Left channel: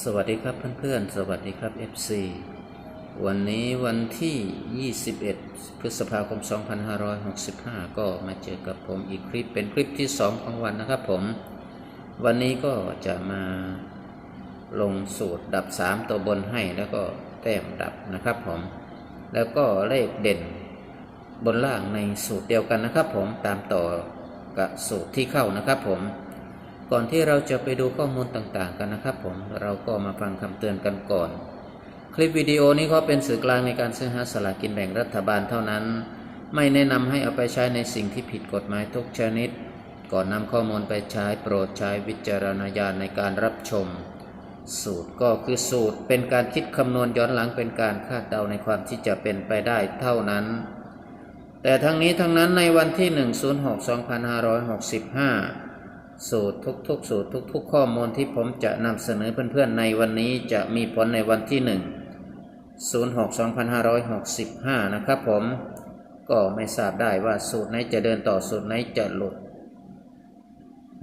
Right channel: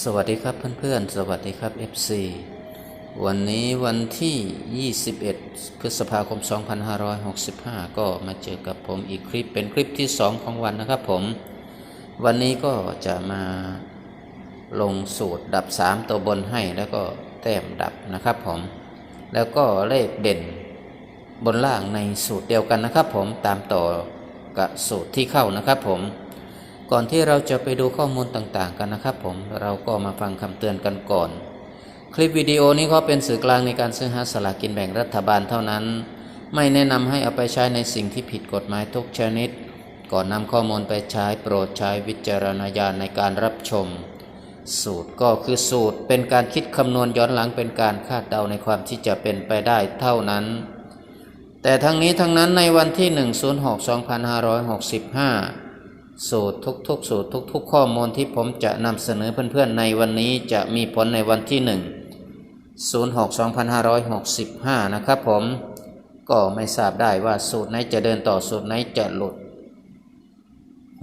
สวัสดีครับเพื่อนๆ สวัสดีครับ FC วันนี้วันที่ 21 พฤษภาคม 2565 ก็มาเจอกับผมอีกคลิปเป็นคลิปที่ 2 ของวันนะครับผม วันนี้ก็จะมาลงสูตรดับ 3 ตัวบนให้แล้วก็แต้มดับนะครับผม แล้วก็เลขเด่นบนล่างในสูตรเดียวกันนะครับผมตามต่อกับสูตรที่เข้านะครับผม ก่อนที่เราจะไปดูข้อมูลต่างๆกันนะครับผมเราก็มาฟังคำเตือนกันก่อน คลิปวิดีโอนี้ก็เป็นสื่อกลางในการซื้อหาสลากกินแบ่งรัฐบาลเท่านั้น ไม่แนะนำให้เอาไปใช้ในสิ่งที่ผิดกฎหมายทุกชนิด ก่อนนำข้อมูลไปใช้โปรดใช้วิจารณญาณในการรับชม สูตรก็คือสูตรเป็นการคิดคำนวณย้อนหลังเป็นการคาดเดาในความที่จะเป็นไปได้เท่านั้น แต่ทั้งนี้ทั้งนั้นในวันที่ 1 06 2565 สูตรทุกๆ สูตรทุก ๆ ข้อมูลที่ผมจะนำเสนอเพื่อนๆในวันนี้จะมีผลในวันที่ 1 06 2565 นะครับผม ก็ไม่ทราบได้ว่าสูตรไหนจะเดินต่อสูตรไหนจะหลุด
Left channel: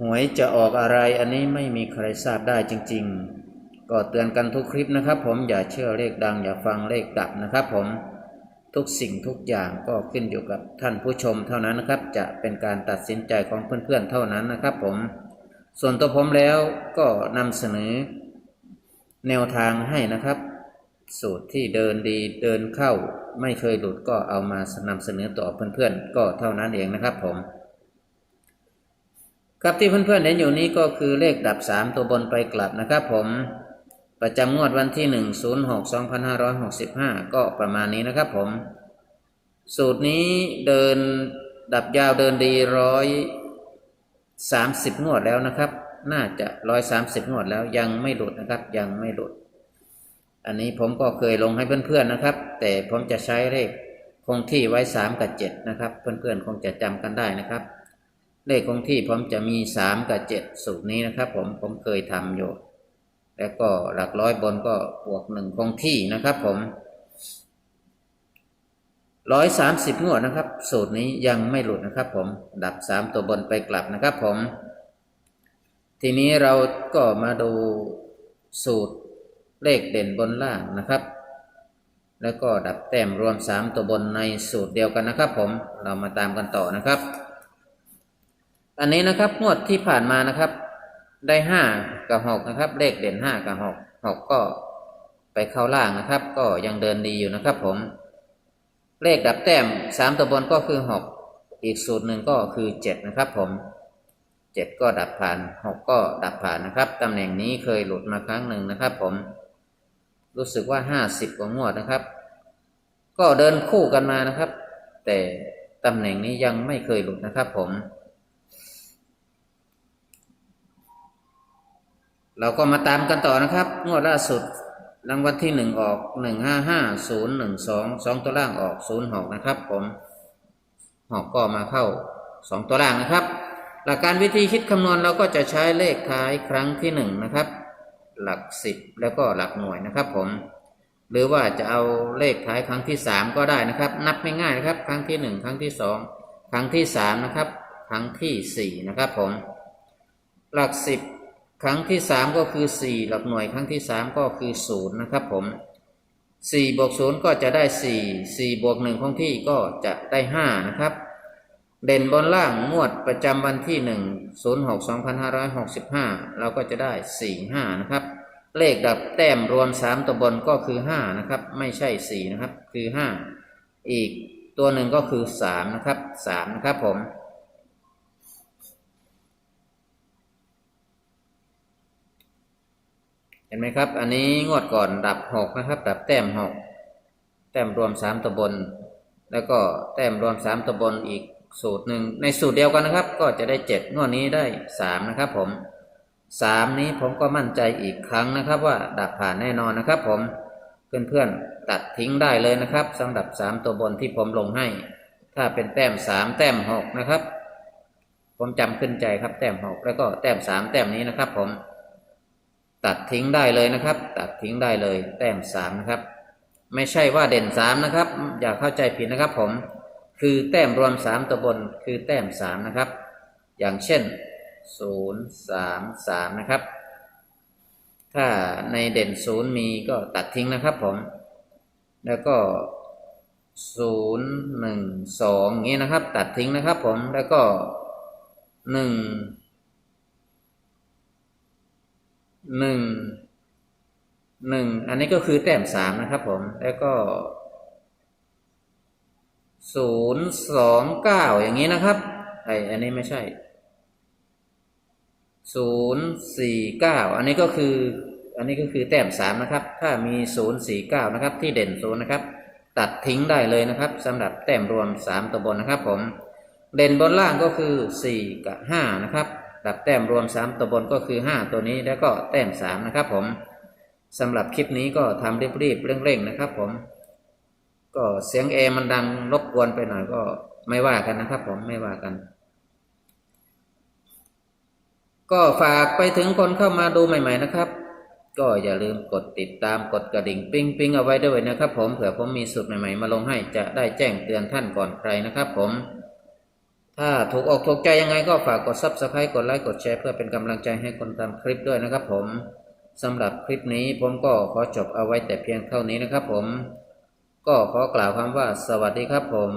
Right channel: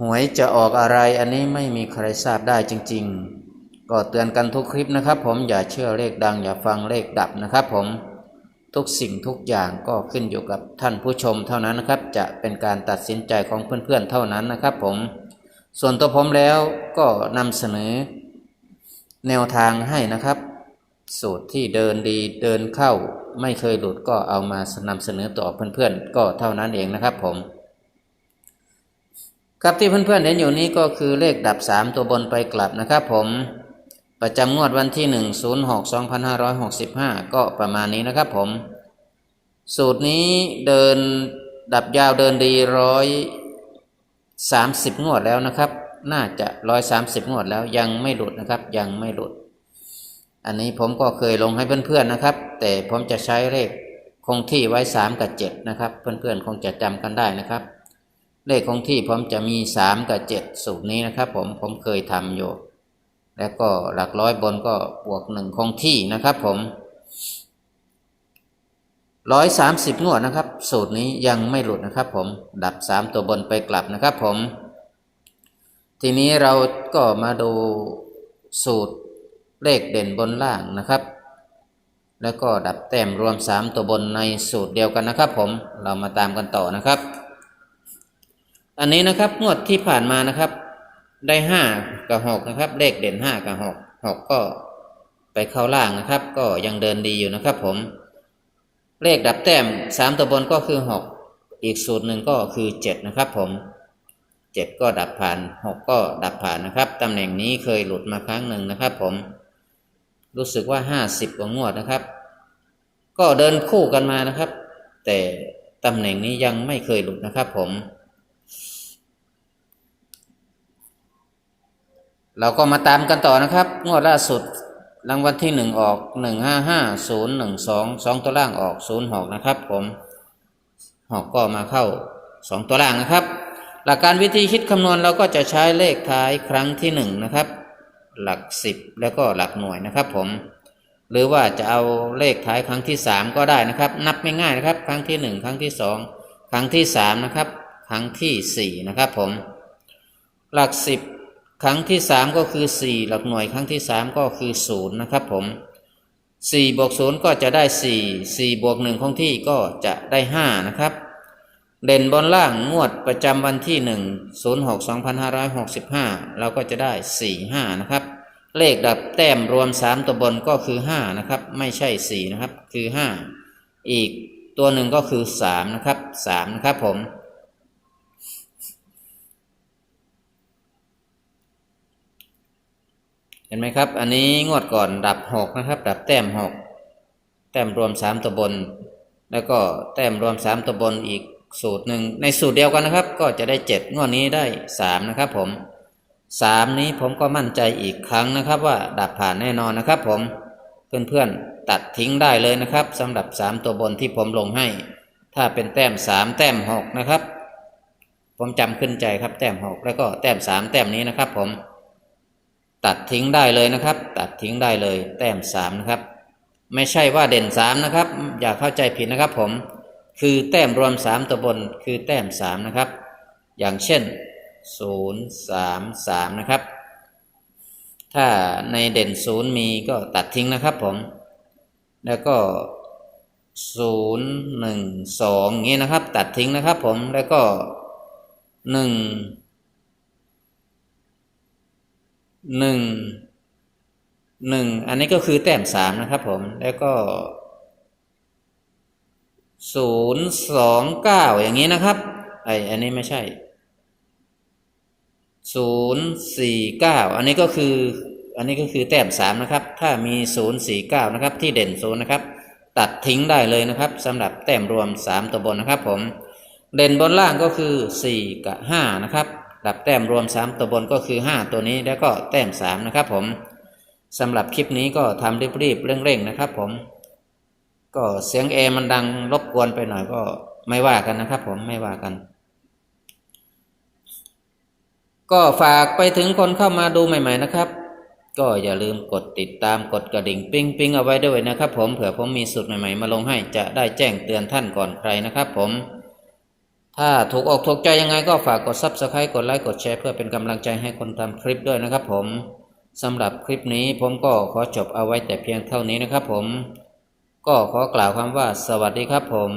หวยจะออกอะไรอันนี้ไม่มีใครทราบได้จริง ๆ ก็เตือนกันทุกคลิปนะครับผมอย่าเชื่อเลขดังอย่าฟังเลขดับนะครับผม ทุกสิ่งทุกอย่างก็ขึ้นอยู่กับท่านผู้ชมเท่านั้นนะครับ จะเป็นการตัดสินใจของเพื่อนๆเท่านั้นนะครับ ผม ส่วนตัวผมแล้วก็นำเสนอ แนวทางให้นะครับ สูตรที่เดินดีเดินเข้า ไม่เคยหลุดก็เอามานำเสนอต่อเพื่อนๆ ก็เท่านั้นเองนะครับ ผม ครับที่เพื่อนๆเห็นอยู่นี้ก็คือเลขดับ 3 ตัวบนไปกลับนะครับ ผม ประจำงวดวันที่ 1 06 2565 ก็ประมาณนี้นะครับผม สูตรนี้เดินดับยาวเดินดีร้อยสามสิบงวดแล้วนะครับ น่าจะร้อยสามสิบงวดแล้วยังไม่หลุดนะครับ ยังไม่หลุด อันนี้ผมก็เคยลงให้เพื่อนๆนะครับ แต่ผมจะใช้เลขคงที่ไว้สามกับเจ็ดนะครับ เพื่อนๆคงจะจำกันได้นะครับ เลขคงที่ผมจะมีสามกับเจ็ดสูตรนี้นะครับ ผมผมเคยทำอยู่ แล้วก็หลักร้อยบนก็บวกหนึ่งคงที่นะครับผมร้อยสามสิบงวดนะครับ สูตรนี้ยังไม่หลุดนะครับผมดับสามตัวบนไปกลับนะครับผม ทีนี้เราก็มาดูสูตรเลขเด่นบนล่างนะครับ แล้วก็ดับแต้มรวมสามตัวบนในสูตรเดียวกันนะครับผมเรามาตามกันต่อนะครับ อันนี้นะครับงวดที่ผ่านมานะครับ ได้ห้ากับหกนะครับ เลขเด่นห้ากับหกหกก็ไปเข้าล่างนะครับ ก็ยังเดินดีอยู่นะครับ ผม เลขดับแต้มสามตัวบนก็คือหกอีกสูตรหนึ่งก็คือเจ็ดนะครับ ผมเจ็ดก็ดับผ่านหกก็ดับผ่านนะครับตำแหน่งนี้เคยหลุดมาครั้งหนึ่งนะครับ ผม รู้สึกว่าห้าสิบกว่างวดนะครับ ก็เดินคู่กันมานะครับ แต่ตำแหน่งนี้ยังไม่เคยหลุดนะครับ ผม เราก็มาตามกันต่อนะครับ งวดล่าสุดรางวัลที่หนึ่งออกหนึ่งห้าห้าศูนย์หนึ่งสองสองตัวล่างออกศูนย์หกนะครับ ผมหอกก็มาเข้าสองตัวล่างนะครับ หลักการวิธีคิดคำนวณเราก็จะใช้เลขท้ายครั้งที่หนึ่งนะครับ หลักสิบแล้วก็หลักหน่วยนะครับ ผม หรือว่าจะเอาเลขท้ายครั้งที่สามก็ได้นะครับ นับง่ายๆนะครับ ครั้งที่หนึ่งครั้งที่สองครั้งที่สามนะครับ ครั้งที่สี่นะครับ ผม หลักสิบ ครั้งที่สามก็คือสี่หลักหน่วยครั้งที่สามก็คือศูนย์นะครับผมสี่บวกศูนย์ก็จะได้สี่สี่บวกหนึ่งคงที่ก็จะได้ห้านะครับเด่นบนล่างงวดประจำวันที่หนึ่งศูนย์หกสองพันห้าร้อยหกสิบห้าเราก็จะได้สี่ห้านะครับ เลขดับแต้มรวมสามตัวบนก็คือห้านะครับ ไม่ใช่สี่นะครับ คือห้าอีกตัวหนึ่งก็คือสามนะครับสามนะครับผม เห็นไหมครับ อันนี้งวดก่อนดับหกนะครับ ดับแต้มหกแต้มรวมสามตัวบนแล้วก็แต้มรวมสามตัวบนอีกสูตรหนึ่งในสูตรเดียวกันนะครับ ก็จะได้เจ็ดงวดนี้ได้สามนะครับผมสามนี้ผมก็มั่นใจอีกครั้งนะครับ ว่าดับผ่านแน่นอนนะครับ ผมเพื่อนๆตัดทิ้งได้เลยนะครับสำหรับสามตัวบนที่ผมลงให้ ถ้าเป็นแต้มสามแต้มหกนะครับ ผมจำขึ้นใจครับแต้มหกแล้วก็แต้มสามแต้มนี้นะครับผม ตัดทิ้งได้เลยนะครับ ตัดทิ้งได้เลยแต้มสามนะครับ ไม่ใช่ว่าเด่นสามนะครับ อย่าเข้าใจผิดนะครับผม คือแต้มรวมสามตัวบนคือแต้มสามนะครับ อย่างเช่นศูนย์สามสามนะครับ ถ้าในเด่นศูนย์มีก็ตัดทิ้งนะครับผม แล้วก็ศูนย์หนึ่งสองงี้นะครับ ตัดทิ้งนะครับผมแล้วก็หนึ่ง หนึ่งหนึ่งอันนี้ก็คือแต้มสามนะครับผม แล้วก็ศูนย์สองเก้าอย่างนี้นะครับไออันนี้ไม่ใช่ศูนย์สี่เก้าอันนี้ก็คือ อันนี้ก็คือแต้มสามนะครับ ถ้ามีศูนย์สี่เก้านะครับ ที่เด่นศูนย์นะครับ ตัดทิ้งได้เลยนะครับสำหรับแต้มรวมสามตัวบนนะครับผม เด่นบนล่างก็คือสี่กับห้านะครับ ดับแต้มรวมสามตัวบนก็คือห้าตัวนี้แล้วก็แต้มสามนะครับผมสำหรับคลิปนี้ก็ทำรีบๆเร่งๆนะครับผม ก็เสียงเอมันดังรบกวนไปหน่อยก็ไม่ว่ากันนะครับผมไม่ว่ากัน ก็ฝากไปถึงคนเข้ามาดูใหม่ ๆ นะครับ ก็อย่าลืมกดติดตามกดกระดิ่งปิ้งปิ้งเอาไว้ด้วยนะครับ ผมเผื่อผมมีสูตรใหม่ ๆ มาลงให้จะได้แจ้งเตือนท่านก่อนใครนะครับ ผม ถ้าถูกอกถูกใจยังไงก็ฝากกด Subscribe กดไลค์กดแชร์เพื่อเป็นกำลังใจให้คนทำคลิปด้วยนะครับผมสำหรับคลิปนี้ผมก็ขอจบเอาไว้แต่เพียงเท่านี้นะครับผม ก็ขอกล่าวคำว่าสวัสดีครับผม